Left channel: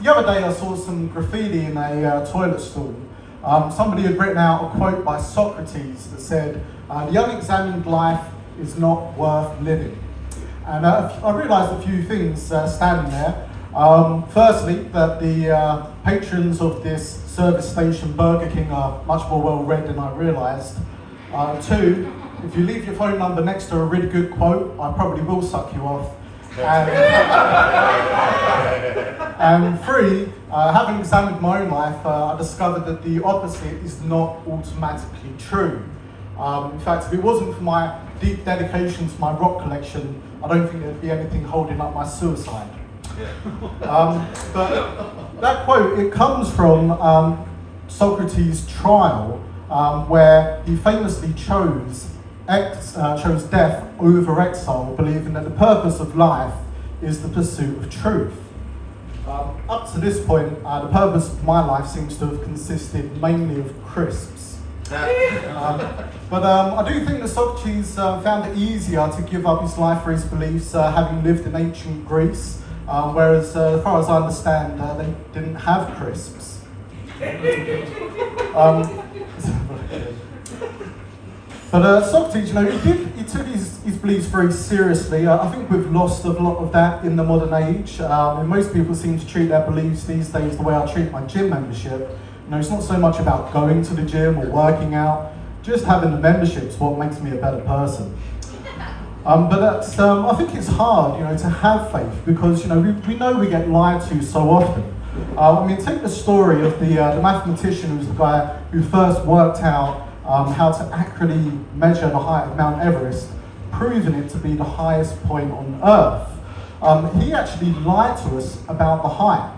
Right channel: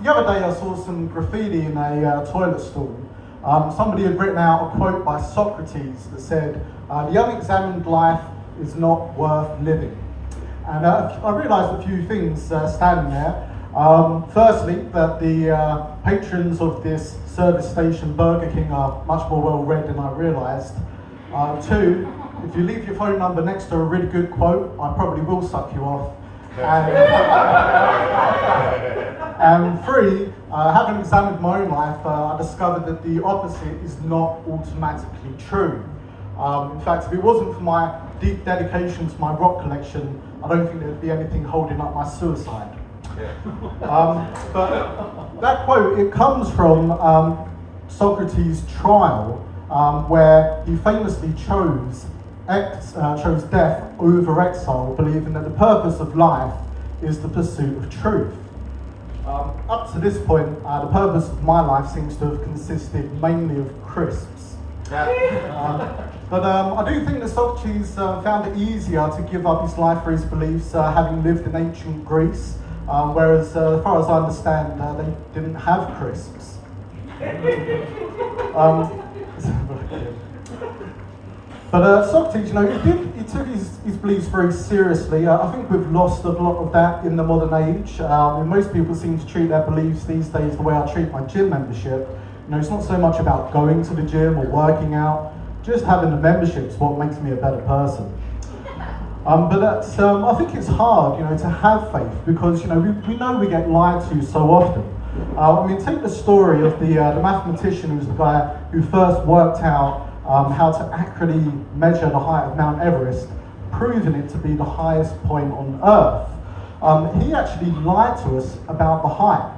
The other day I saw some graffiti in a toilet stall. Somebody had written out a quote by Socrates that said, "The unexamined life is not worth living." And I realised a few things standing there. Firstly, that the patrons of this service station, Burger King, are much more well read than I realised. Two, if you leave your phone number next to a really good quote, I probably will suck you off. And three, having examined my own life, I discovered that the opposite is not automatically true. In fact, if it wasn't for my deep dedication to my rock collection, I don't think there'd be anything holding up my suicide. But that quote, it comes from Socrates' trial, where he famously chose death over exile, believing that the purpose of life is the pursuit of truth. Up to this point, the purpose of my life seems to have consisted mainly of crisps. But I do think that Socrates found it easier to give up his life for his beliefs, having lived in ancient Greece, whereas, as far as I understand, they didn't have crisps. But Socrates, he took his beliefs very seriously. I think we've lost a lot of that in the modern age. Most people seem to treat their beliefs these days the way I treat my gym membership. It's not so much about going to the gym or working out, just having the membership is what makes me a better person. But that's, I think it's hard, to have faith because, we know we get lied to so often. Take the story of the mathematician who's the guy who first worked out how to accurately measure the height of Mount Everest, proving it to be the highest point on Earth. He actually lied to us about the height.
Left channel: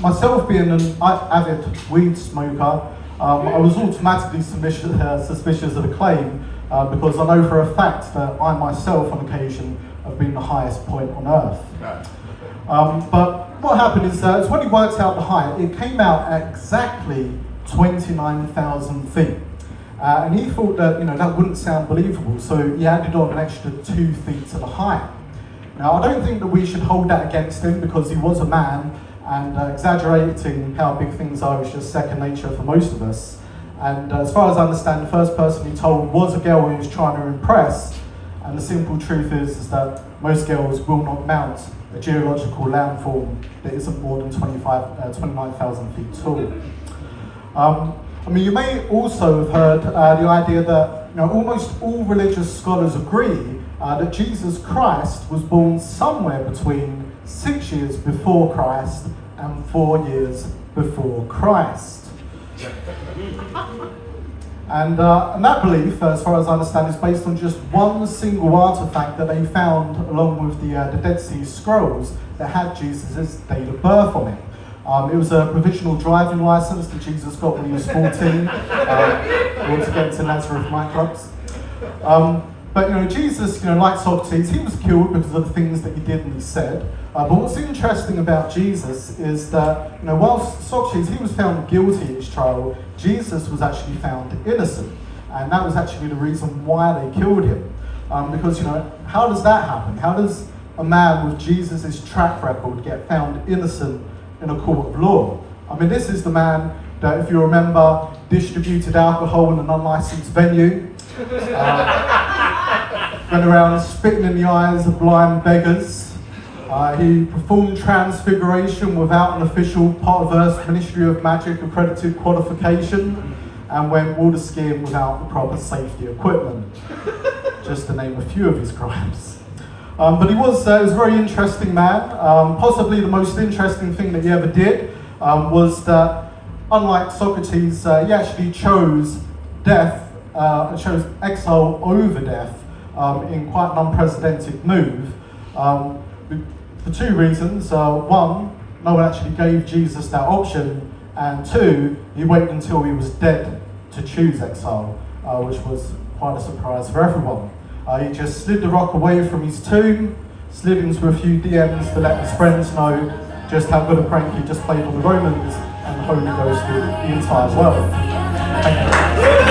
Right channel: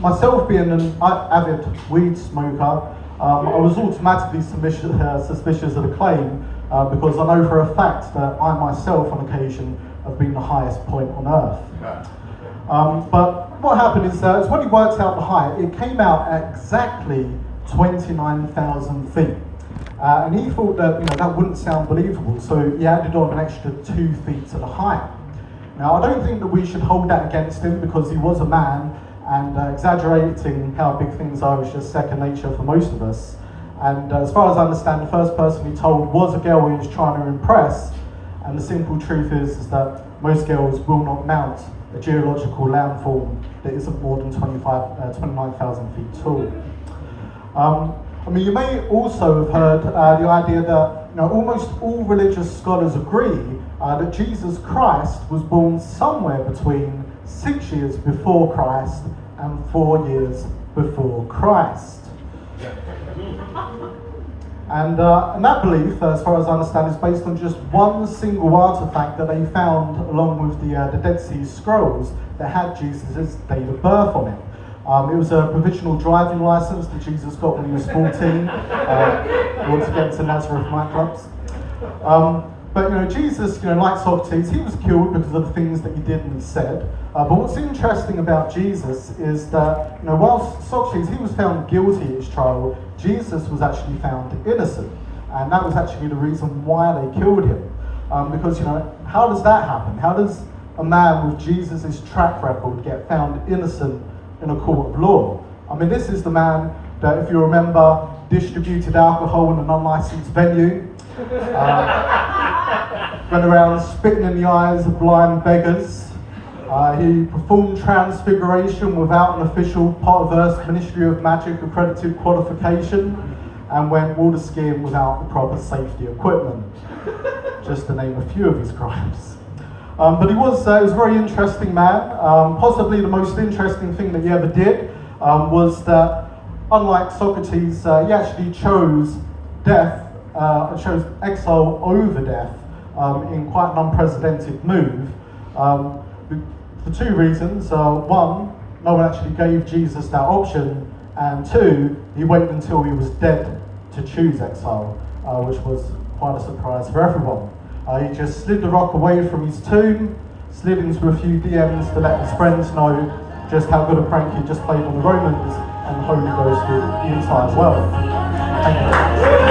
Myself being an avid weed smoker, I was automatically suspicious of the claim because I know for a fact that I myself on occasion have been the highest point on Earth. But what happened is when he worked out the height, it came out at exactly 29,000 feet. And he thought that that wouldn't sound believable, so he added on an extra 2 feet to the height. Now, I don't think that we should hold that against him because he was a man, and exaggerating how big things are is just second nature for most of us. And as far as I understand, the first person he told was a girl he was trying to impress, and the simple truth is that most girls will not mount a geological landform that isn't more than 29,000 feet tall. You may also have heard the idea that almost all religious scholars agree that Jesus Christ was born somewhere between 6 years before Christ and 4 years before Christ. And that belief, as far as I understand, is based on just one single artifact that they found along with the Dead Sea Scrolls that had Jesus' date of birth on it. It was a provisional driving license that Jesus got when he was 14, once again to Nazareth nightclubs. But Jesus, like Socrates, he was killed because of the things that he did and he said. But what's interesting about Jesus is that, whilst Socrates, he was found guilty at his trial, Jesus was actually found innocent. And that was actually the reason why they killed him. Because, how does that happen? How does a man with Jesus' track record get found innocent in a court of law? This is the man that, if you remember, distributed alcohol in an unlicensed venue, went around spitting in the eyes of blind beggars. He performed transfiguration without an official Potterverse Ministry of Magic accredited qualification, and went water skiing without the proper safety equipment, just to name a few of his crimes. But he was a very interesting man. Possibly the most interesting thing that he ever did was that, unlike Socrates, he actually chose chose exile over death in quite an unprecedented move for two reasons. One, no one actually gave Jesus that option, and two, he waited until he was dead to choose exile, which was quite a surprise for everyone. He just slid the rock away from his tomb, slid into a few DMs to let his friends know just how good a prank he just played on the Romans and the Holy Ghost did the entire world.